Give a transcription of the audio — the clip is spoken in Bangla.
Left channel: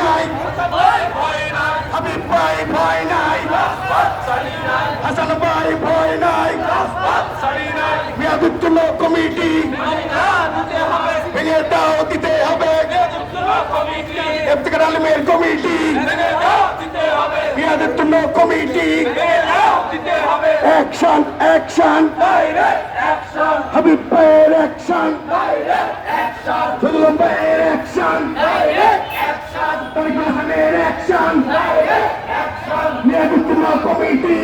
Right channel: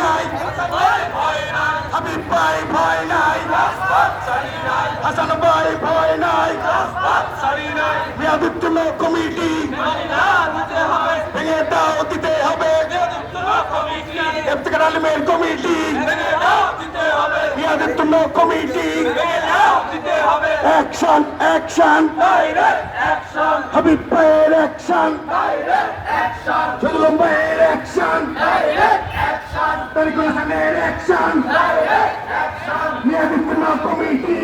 নাই। হাবিব ভাই ভয় নাই। হাসান ভাই ভয় নাই। মেয়াদুত্তম কমিটি। ভেঙে দাও দিতে হবে। ইফতেখার আলমের কমিটি। মেয়াদুত্তম কমিটি। অ্যাকশন অ্যাকশন হাবিব ভাইয়ের অ্যাকশন সজলম ভাইয়ের অ্যাকশন তরিকুল হাসানের অ্যাকশন মেয়াদুত্তম কমিটি